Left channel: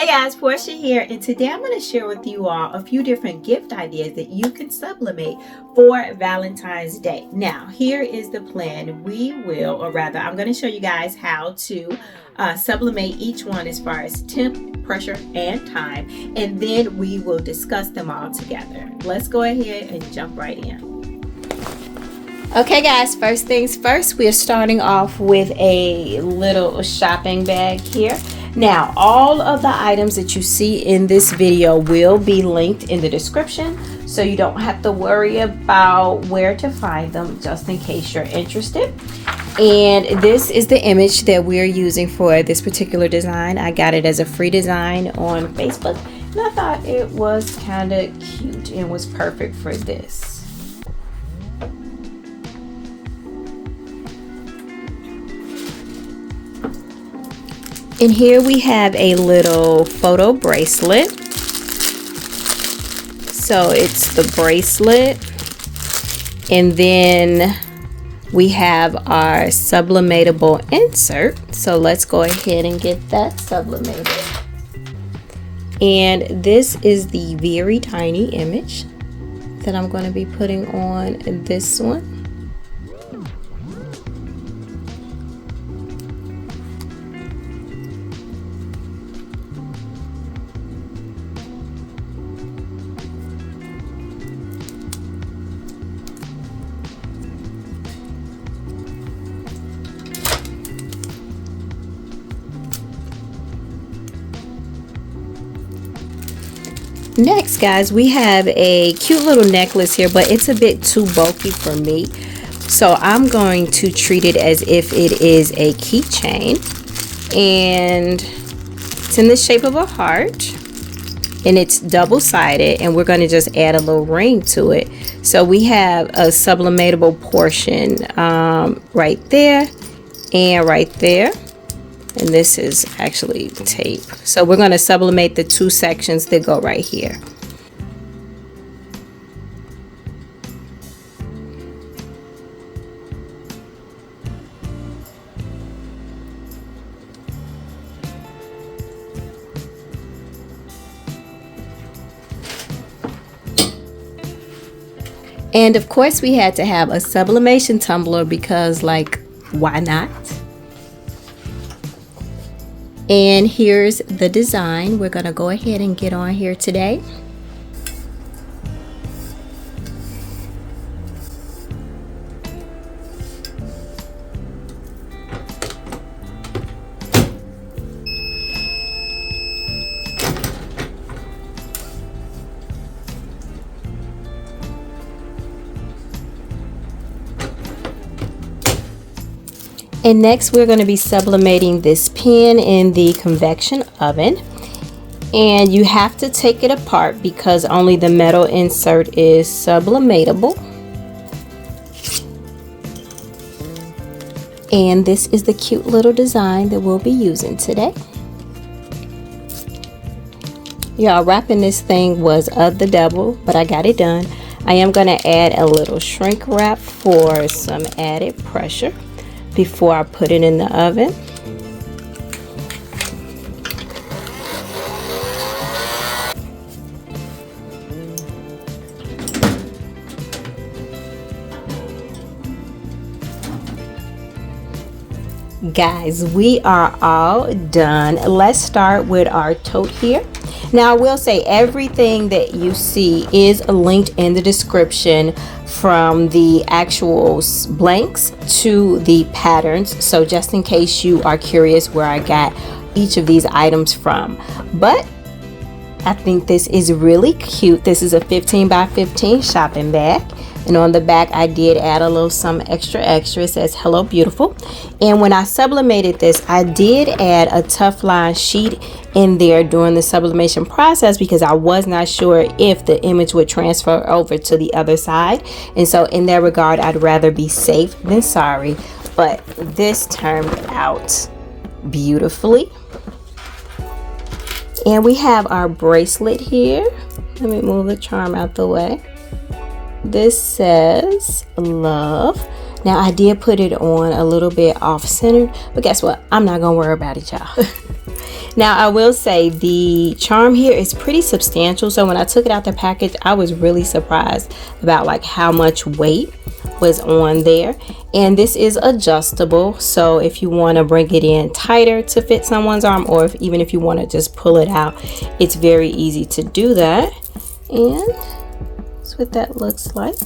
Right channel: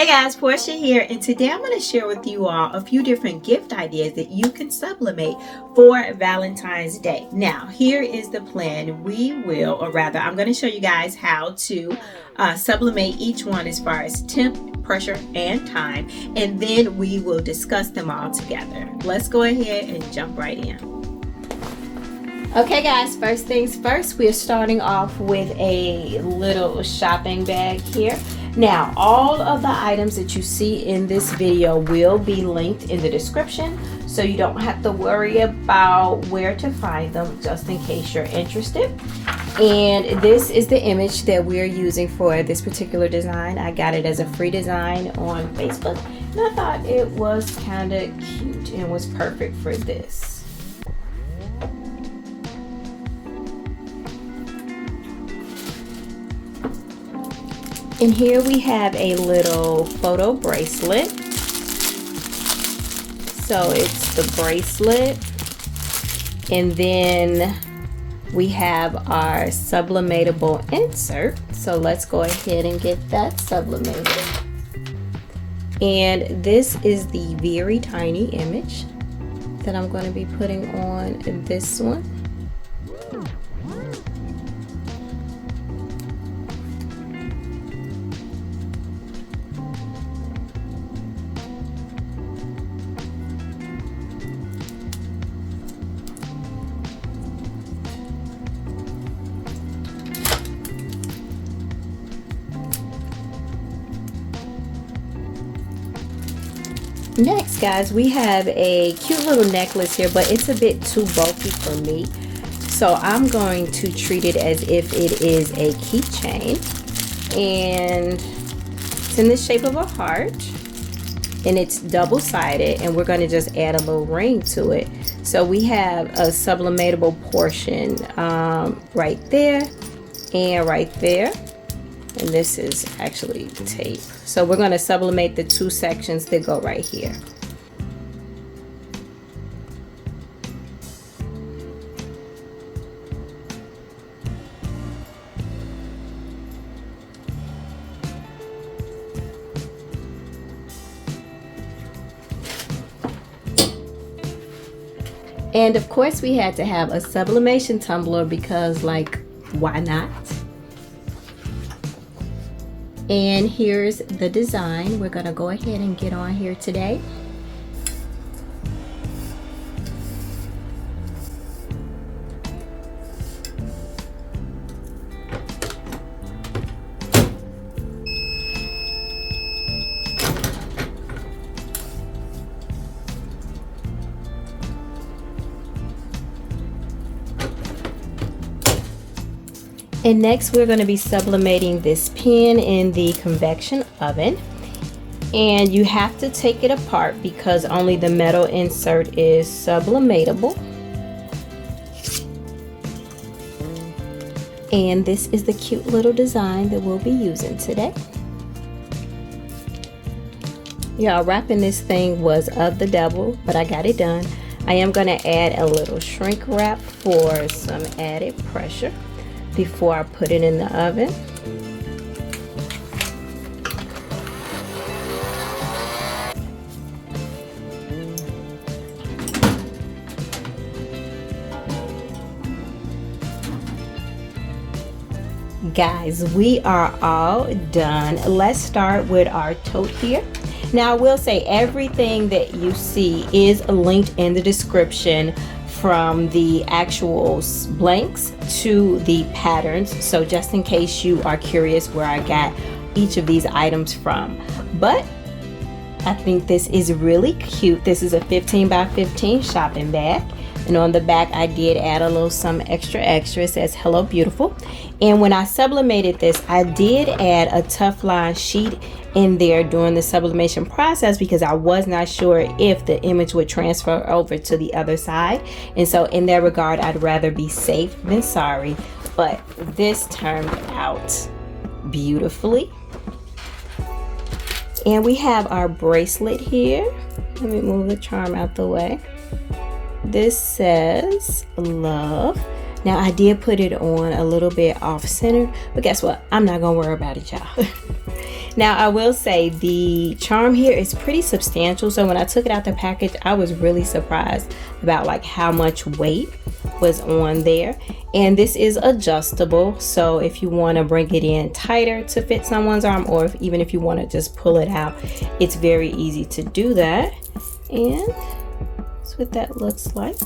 Hey guys, Portia here, and today I'm going to share with you all a few different gift ideas that you can sublimate for Valentine's Day. Now, here is the plan. We will, or rather, I'm going to show you guys how to sublimate each one as far as temp, pressure, and time, and then we will discuss them all together. Let's go ahead and jump right in. Okay guys, first things first, we are starting off with a little shopping bag here. Now, all of the items that you see in this video will be linked in the description, so you don't have to worry about where to find them, just in case you're interested. And this is the image that we're using for this particular design. I got it as a free design on Facebook, and I thought it was kind of cute and was perfect for this. And here we have a little photo bracelet. So it's the bracelet. And then we have our sublimatable insert. So let's go ahead and get that sublimated. And this is the very tiny image that I'm going to be putting on this one. Next, guys, we have a cute little necklace here, but it's a bit too bulky for me. So I'm going to treat it as if it is a keychain. And it's in the shape of a heart. And it's double-sided. And we're going to just add a little ring to it. So we have a sublimatable portion right there and right there. And this is actually tape. So we're going to sublimate the two sections that go right here. And of course we had to have a sublimation tumbler because, like, why not? And here's the design we're going to go ahead and get on here today. And next we're going to be sublimating this pin in the convection oven. And you have to take it apart because only the metal insert is sublimatable. And this is the cute little design that we'll be using today. Y'all, wrapping this thing was of the devil, but I got it done. I am going to add a little shrink wrap for some added pressure before I put it in the oven. Guys, we are all done. Let's start with our tote here. Now I will say everything that you see is linked in the description, from the actual blanks to the patterns, so just in case you are curious where I got each of these items from. But I think this is really cute. This is a 15 by 15 shopping bag, and on the back I did add a little some extra. It says hello beautiful. And when I sublimated this, I did add a tough line sheet in there during the sublimation process because I was not sure if the image would transfer over to the other side. And so in that regard, I'd rather be safe than sorry. But this turned out beautifully. And we have our bracelet here. Let me move the charm out the way. This says love. Now I did put it on a little bit off centered, but guess what? I'm not gonna worry about it, y'all. Now I will say the charm here is pretty substantial, so when I took it out the package I was really surprised about like how much weight was on there. And this is adjustable, so if you want to bring it in tighter to fit someone's arm, or even if you want to just pull it out, it's very easy to do that. And that's what that looks like.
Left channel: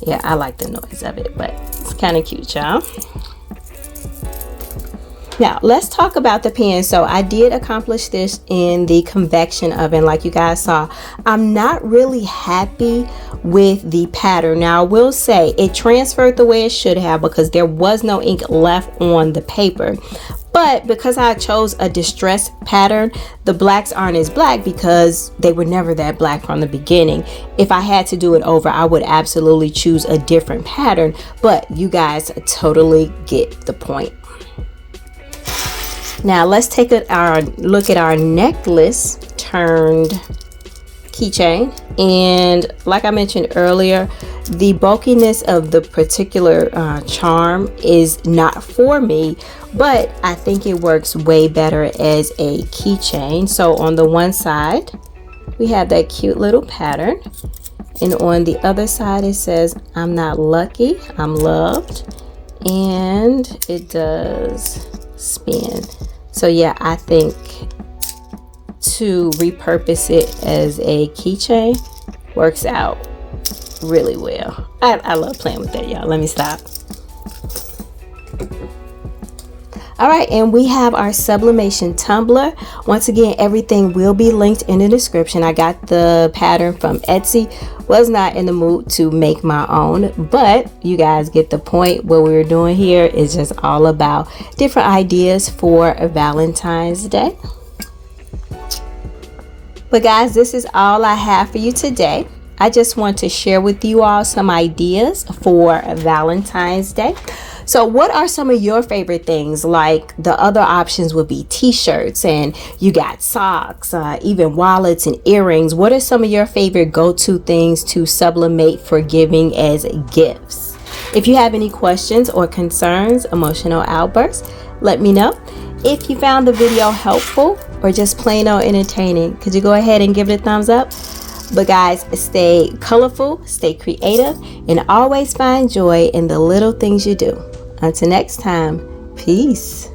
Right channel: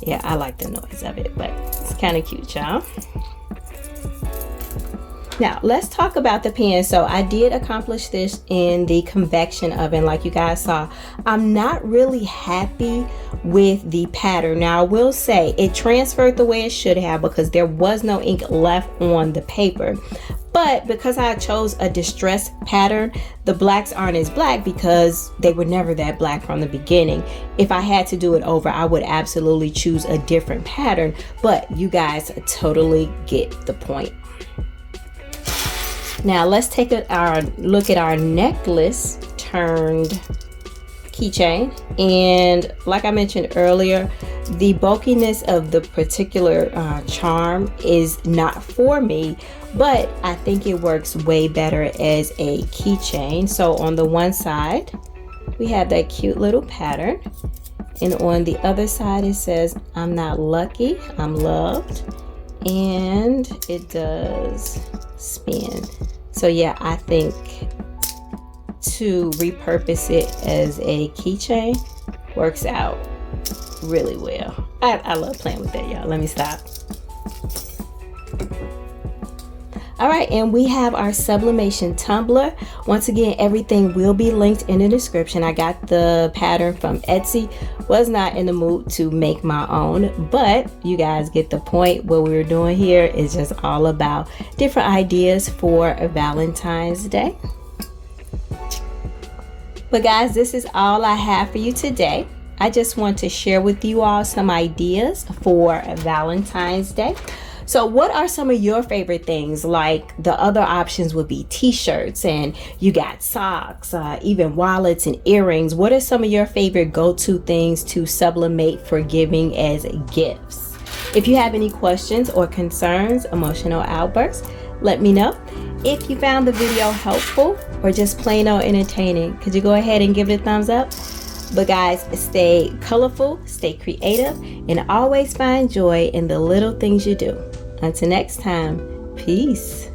Yeah, I like the noise of it, but it's kind of cute, y'all. Now let's talk about the pen. So I did accomplish this in the convection oven like you guys saw. I'm not really happy with the pattern. Now I will say it transferred the way it should have because there was no ink left on the paper. But because I chose a distressed pattern, the blacks aren't as black because they were never that black from the beginning. If I had to do it over, I would absolutely choose a different pattern, but you guys totally get the point. Now let's take a look at our necklace turned keychain. And like I mentioned earlier, the bulkiness of the particular charm is not for me, but I think it works way better as a keychain. So on the one side we have that cute little pattern, and on the other side it says I'm not lucky, I'm loved, and it does spin. So yeah, I think to repurpose it as a keychain works out really well. I love playing with that, y'all. Let me stop. All right, and we have our sublimation tumbler. Once again, everything will be linked in the description. I got the pattern from Etsy. Was not in the mood to make my own, but you guys get the point. What we're doing here is just all about different ideas for Valentine's Day. But guys, this is all I have for you today. I just want to share with you all some ideas for Valentine's Day. So what are some of your favorite things? Like the other options would be t-shirts, and you got socks, even wallets and earrings. What are some of your favorite go-to things to sublimate for giving as gifts? If you have any questions or concerns, emotional outbursts, let me know. If you found the video helpful or just plain old entertaining, could you go ahead and give it a thumbs up? But guys, stay colorful, stay creative, and always find joy in the little things you do. Until next time, peace.